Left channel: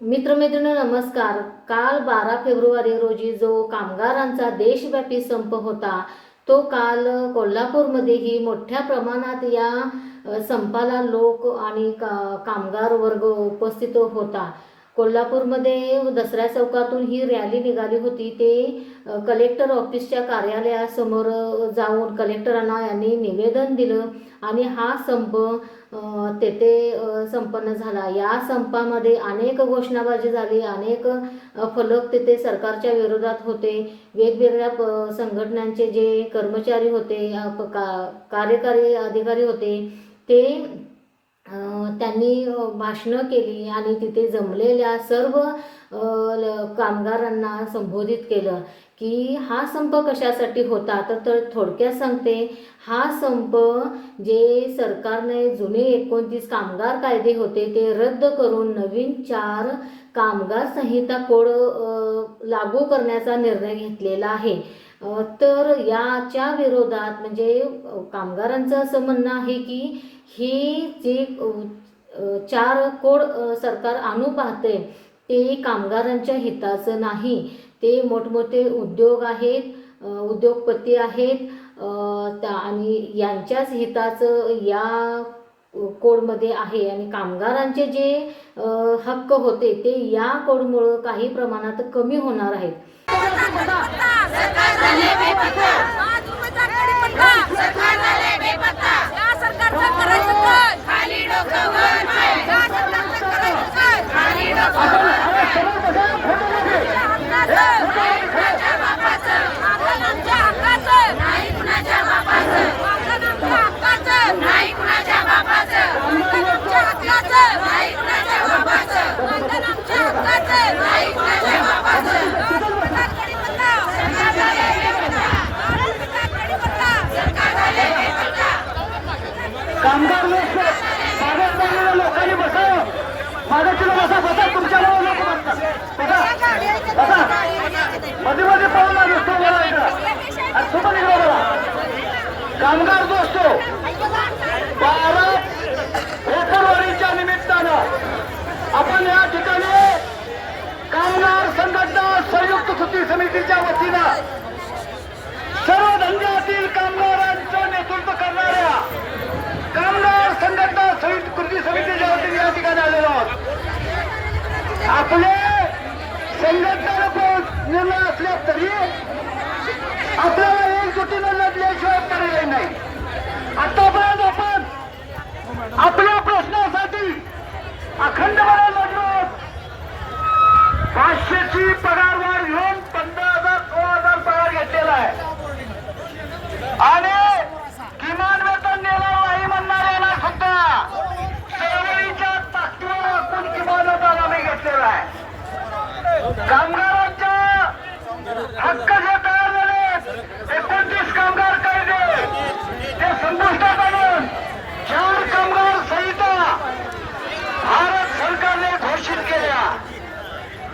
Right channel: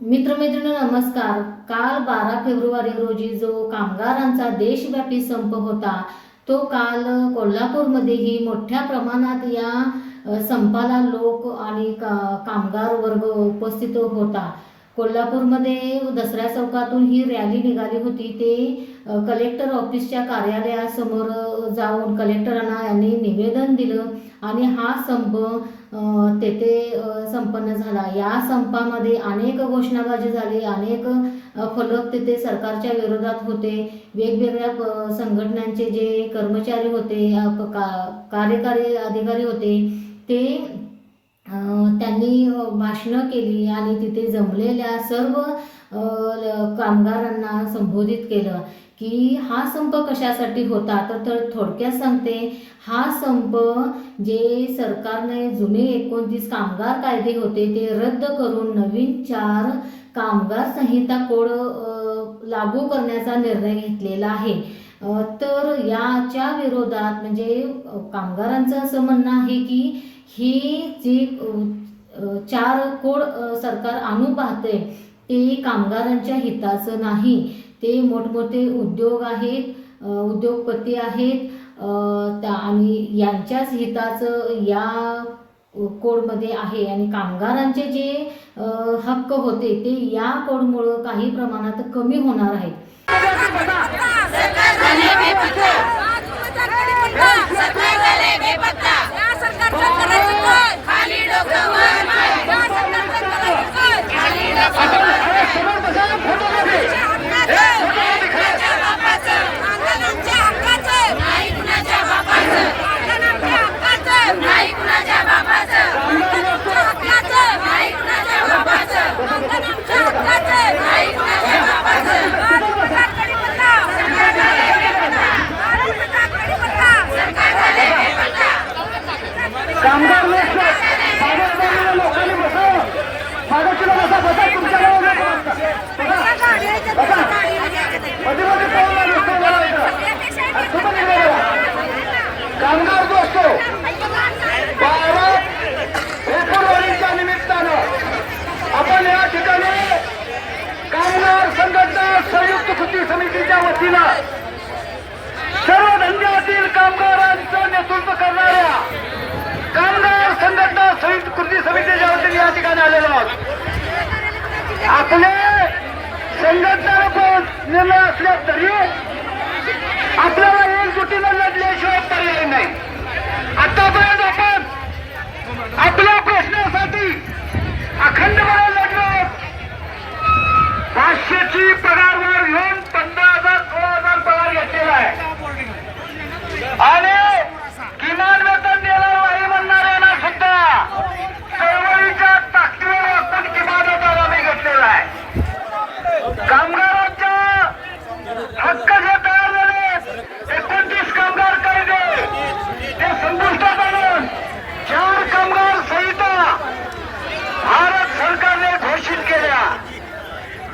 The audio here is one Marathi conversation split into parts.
मित्रमैत्रिणी नमस्कार. काल 12 फेब्रुवारी रोजी जो कामगारांचा देशव्यापी संप होता तो काल कोल्हापूरमध्येही मोठ्या प्रमाणात या संपाला लोक आणि कामगार वर्ग उपस्थित होता. कोल्हापूरमध्ये दसऱ्या चौकातून ही रॅली निघाली होती. ते कलेक्टर ऑफिसच्या कार्यालयासमोर जाऊन कलेक्टरांना यांनी निवेदन दिलं आणि हा संप तेथे संपन्न झाला. या संपामध्ये अनेक घोषणाबाजी झाली, अनेक फलक तेथे सरकारच्या विरोधात होते. वेगवेगळ्या संघटनांचे जे कर्मचारी होते, कार्यकारी अधिकारी होते, ते त्यांनी भाषणं केली आणि तिथे जमलेल्या सर्व कामगारांना संबोधित केलं की हा संप कशासाठी होता. तर थोडक्यात सांगते, हा संप जे सरकारने जुने 29 कामगार कायदे होते ते रद्द करून नवीन 4 कामगार संहिता कोड लागू करण्याचा निर्णय घेतलेला आहे. तर याच्या विरोधात म्हणजे कामगारांचं असं म्हणणं आहे की ही जी 4 कोड सरकार आणू पाहते ते कामगारांच्या हिताचं नाही. ते मोठमोठे उद्योग आहेत, उद्योगपती आहेत आणि यांच्याच हिताचं या कोडमध्ये आहे आणि कामगारांचे जे हक्क होते ते या कोडमुळं काही प्रमाणात कमी होणार आहेत. कामगार जो असतो 12 फेब्रुवारीच्या निमित्तानं आपण या ठिकाणी कामगार संघटना संयुक्त कृती समितीच्या वतीनं सर्व धंद्यातील कामगारांचं नेतृत्व करणाऱ्या कामगार संघटना संयुक्त कृती समितीच्या वतीने या ठिकाणी आलेलो आहोत. आपले संघटना निर्णय असल्या तरी आपल्याला एकजुटीनं लढल्याशिवाय पर्याय नाही. आतापर्यंत आपण आपल्या प्रश्नासाठी अखंडपणे लढलो. 500ची पगारवाढ घेऊन 15,000-16,000 पगार घेतलेला आहे आणि किमान वेतन देणार नाही म्हणणाऱ्यांना सुद्धा चळवळीच्या ताकदीवर आपण किमान वेतन आम्ही घेतलेला आहे. कामगारांचा हक्क जे तयार झाले 29 कामगार कायदे ते संपुष्टात आणून 4 कामगार संहिता भारत सरकारने घोषित केल्या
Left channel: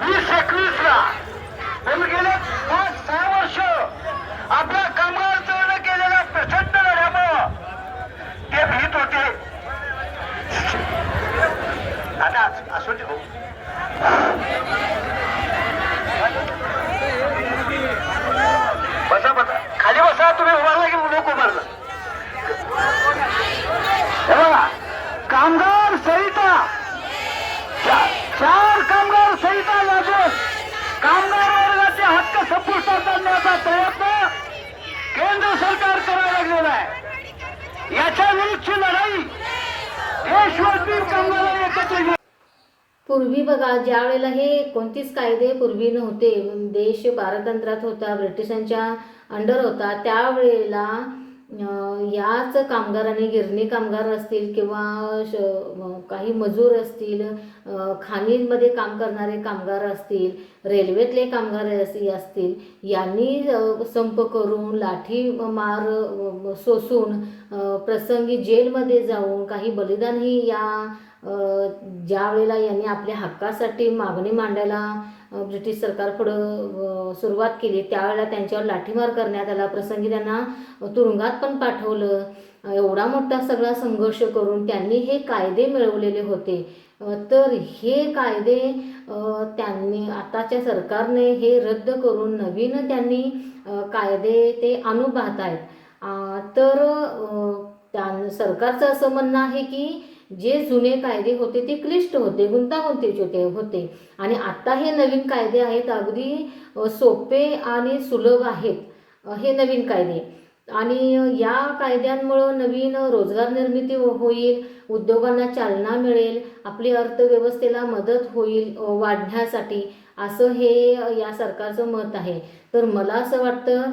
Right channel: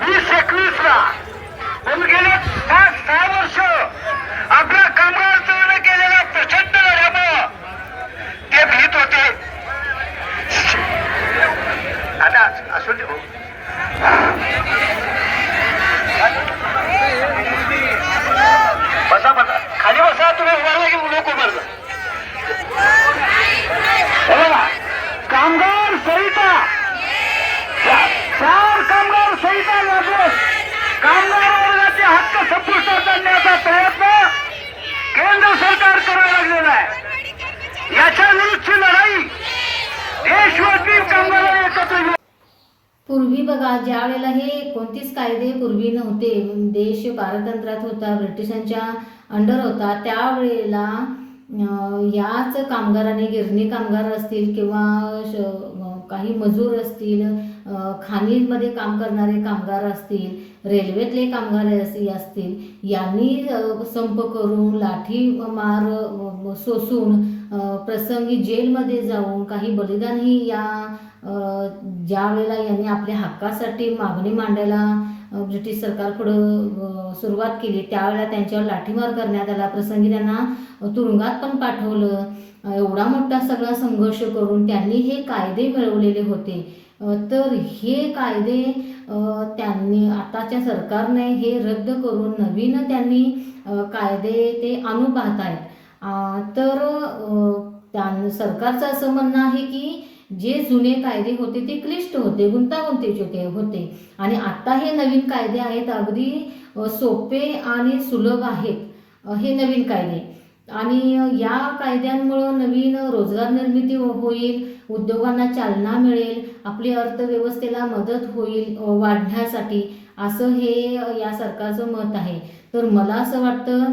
2021 ला. पण गेले 5-6 वर्ष आपल्या कामगार चळवळीने केलेल्या प्रचंड लढ्यामुळं ते भीत होते. आता असू दे बसा बसा खाली बसा. तुम्ही उभारला की लोक उभारला. कामगार संहिता 4 कामगार संहिता लागू कामगार वर्गाचे हक्क संपुष्टात आणण्याचा प्रयत्न केंद्र सरकार करायला लागलेला आहे. याच्या विरुद्धची लढाई देशव्यापी कामगारांनी एकत्र घेऊन. पूर्वी बघा, ज्या वेळेला हे 29 कायदे पूर्वी नव्हते, देश पारतंत्र्यात होता, ब्रिटिशांच्या अंडर होता, त्यावेळेला याच कामगारांनी, गिरणी कामगार असतील किंवा काही मजूर असतील, खाणीमध्ये काम करणारे कामगार असतील, रेल्वेतले कामगार असतील, यांनी संप करून लाठी मार सोसून प्रसंगी जेलमध्ये जाऊन काही बलिदानही या ज्या वेळेला यांनी आपल्या हक्कासाठी मागणी मांडायला ब्रिटिश सरकारपुढं सुरुवात केली त्यावेळेला त्यांच्यावर लाठीमार करण्यात आला. प्रसंगी त्यांना तुरुंगात पण पाठवलं. एवढा मोठा सगळा संघर्ष करून त्यांनी हे कायदे मिळवलेले होते. तर हे कायदे त्यांनी आताच्या सरकारने हे रद्द करून नवीन त्यांनी कायदे ते आणू पाहत आहेत. तर सरकारचं असं म्हणणं आहे की जे जुने कायदे होते ते क्लिष्ट होते, गुंतागुंतीचे होते आणि आता हे नवीन कायदे आहेत अगदी सोपे आणि सुलभ आहेत हे नवीन कायदे. आणि या कायद्यांमुळं नवीन रोजगार निर्मिती होईल, उद्योगांना चालना मिळेल, आपली अर्थव्यवस्थेला मदत होईल वाढण्यासाठी, असं हे या सरकारचं मत आहे. तर मला असं वाटतं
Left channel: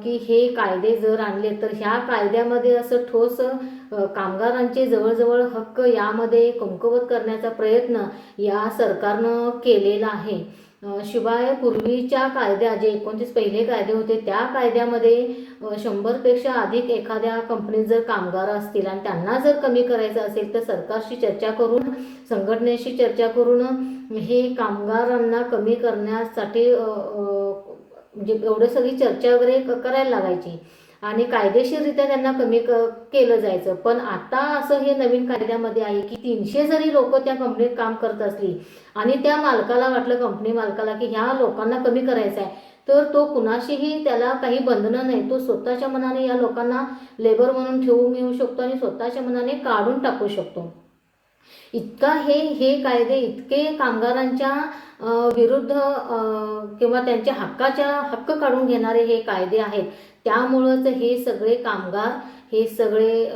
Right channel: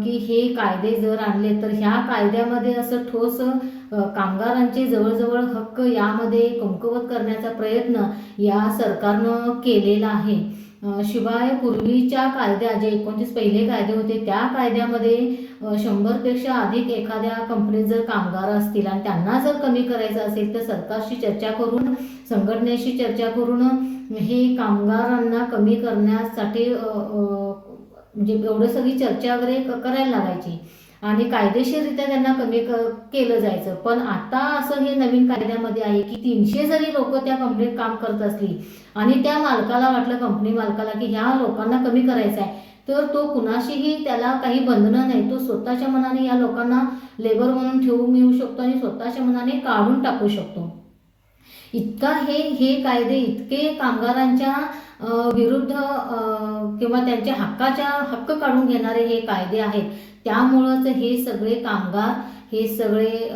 की हे कायदे जर आणले तर ह्या कायद्यामध्ये असं ठोस कामगारांचे जवळजवळ हक्क यामध्ये कमकुवत करण्याचा प्रयत्न या सरकारनं केलेला आहे. शिवाय पूर्वीच्या कायद्या जे 29 पहिले कायदे होते त्या कायद्यामध्ये 100पेक्षा अधिक एखाद्या कंपनीत जर कामगार असतील आणि त्यांना जर कमी करायचं असेल तर सरकारशी चर्चा करून, संघटनेशी चर्चा करून हे कामगारांना कमी करण्यासाठी म्हणजे एवढं सगळी चर्चा वगैरे करायला लागायची आणि कायदेशीररित्या त्यांना कमी केलं जायचं. पण आता असं हे नवीन कायद्यामध्ये आहे की 300 जरी लोक त्या कंपनीत काम करत असली आणि त्या मालकाला वाटलं, कंपनी मालकाला, की ह्या लोकांना कमी करायचं आहे, तर तो कुणाशीही त्याला काही बंधनं नाही, तो स्वतःच्या मनाने या लोकांना लेबर म्हणून ठेवून येऊ शकतो आणि स्वतःच्या मनाने काढून टाकू शकतो. इतका हे कायदे इतके कामगारांच्या विरुद्ध किंवा त्यांच्या हक्क काढून घेणारे हे कायदे आहेत. त्यामुळंच हे सगळे कामगार, हे सगळे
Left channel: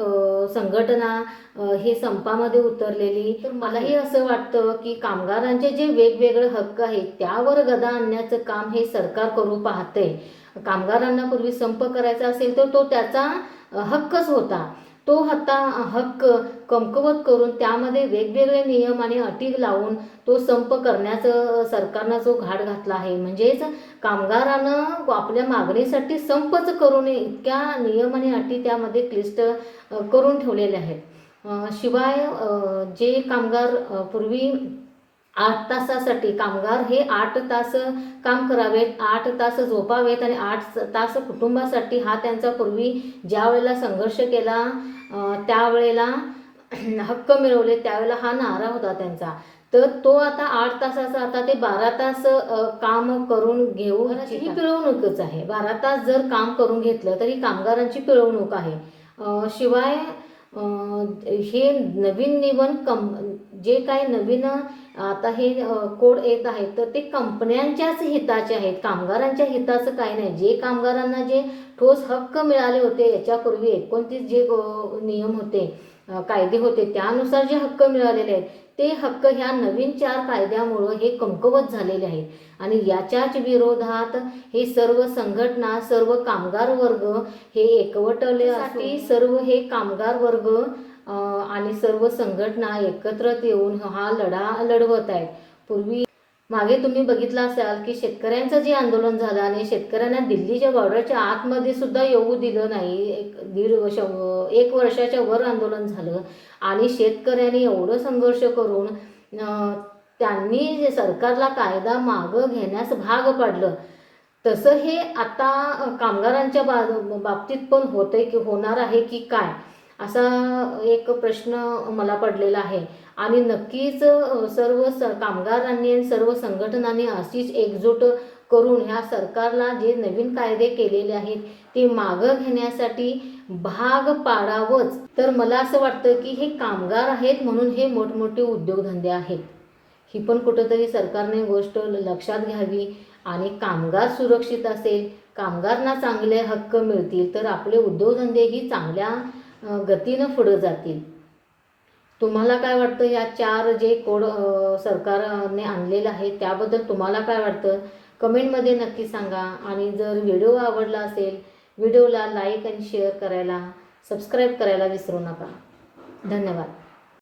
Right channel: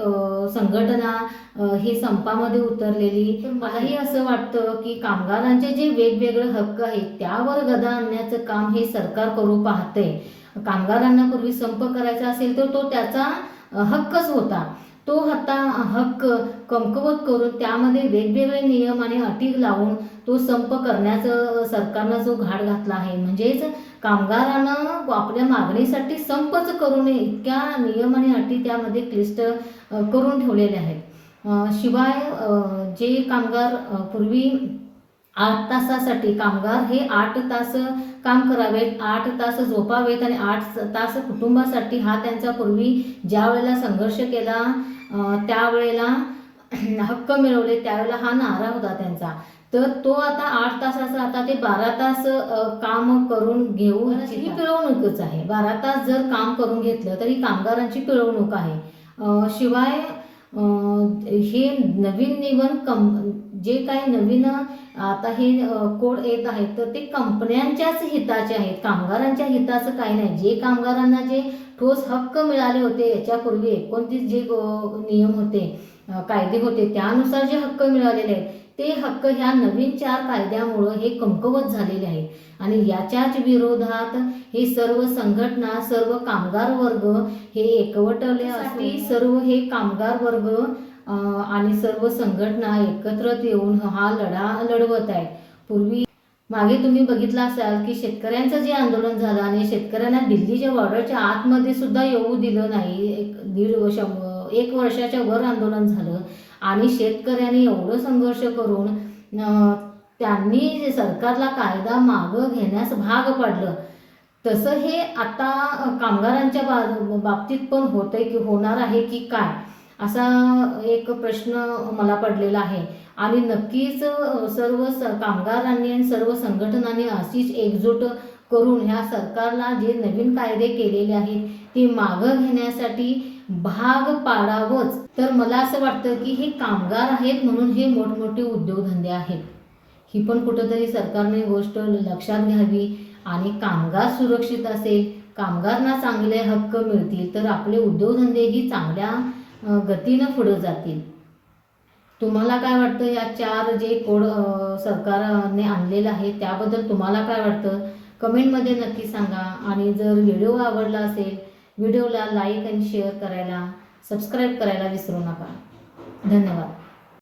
संघटना हे संपामध्ये उतरलेली. तर मलाही असं वाटतं की कामगारांचे जे वेगवेगळे हक्क आहेत त्यावर गदा आणण्याचं काम हे सरकार करू पाहते. कामगारांना पूर्वी संप करायचा असेल तर तो त्याचा हक्कच होता. तो हक्क कमकुवत करून त्यामध्ये वेगवेगळे नियम आणि अटी लावून तो संप करण्याचं सरकारनं जो घाट घातला आहे. म्हणजेच कामगारानं आपल्या मागणीसाठी संपच करू नये इतक्या नियम आणि अटी त्यामध्ये क्लिष्ट करून ठेवलेले आहेत. शिवाय जे कामगार पूर्वी 8 तासासाठी कामगार हे 8 तास काम करावेत, 8 तास झोपावेत आणि 8 तास कुटुंबासाठी हा त्यांचा पूर्वी ज्या वेळेला संघर्ष केला त्यावेळेला हक्क मिळवले त्यावेळेला हा नारा होता त्यांचा. तर तो आता 8 तासाचा आता ते 12 तास काम करून घेऊन ही पिळवणूकच आहे. 12 तास जर काम करून घेतलं तरी कामगारांची पिळवणूक आहे. शिवाय हे नवीन जे काही नवीन आता हे कोड येत आहेत तर ते कंपन्यांच्याच हिताचे आहेत, कामगारांच्या हिताचं काही नाही. जे कामगारांना जे ठोस हक्क मिळाले होते याच्यापूर्वी 29 जे नियम होते, कायदे होते, त्यानुसार जे हक्क मिळालेले आहेत ते हक्क ह्या नवीन 4 कायद्यामुळं हे कमकुवत झालेले आहेत. आणि याच्याच विरोधात हे सर्व संघटना, सर्व कामगार वर्ग हे एकवटल्यासाठी सर्व हे कामगार वर्ग आणि सर्व संघटना एकत्र येऊन हा लढा लढवत आहेत. पूर्वी मागे तुम्ही बघितलं असाल की शेतकऱ्यांचं जे आंदोलन झालं आणि शेतकऱ्यांना दिल्लीच्या बॉर्डरच्या आतमध्ये सुद्धा येऊ दिलं नाही. 1 वर्षाच्या वर आंदोलन झालं आणि शेतकऱ्यांनी एवढं संघर्ष करून त्यांनी सरकारला कायदा मागं घेण्यास भाग पाडलं. तसं हे आता कामगारांच्या बाबतीत पण होतंय की होणार आहे की काय, असा एक प्रश्न मला पडलेला आहे. आणि नक्कीच सर्व कामगारांनी आणि सर्व संघटनांनी अशीच एकजूट करून ह्या सरकारला जे नवीन कायदे केलेले आहेत ते मागं घेण्यासाठी भाग पाडावंच. तर मला असं वाटतं की हे कामगार आहेत म्हणून हे मोठमोठे उद्योगधंदे आहेत, ही पण कुठंतरी सरकारने गोष्ट लक्षात घ्यावी. आणि कामगार सुरक्षित असेल, कामगारांना चांगले हक्क मिळतील तर आपले उद्योगधंदेही चांगल्या गतीनं पुढे जातील. तुम्हाला काय वाटतं या 4 जे कोड सरकारने आणलेलं आहे त्याबद्दल तुम्हाला काय वाटतं कमेंटमध्ये नक्की सांगा. आणि जर व्हिडिओ आवडला असेल व्हिडिओला लाईक आणि शेअर करायला, सबस्क्राईब करायला विसरू नका. धन्यवाद.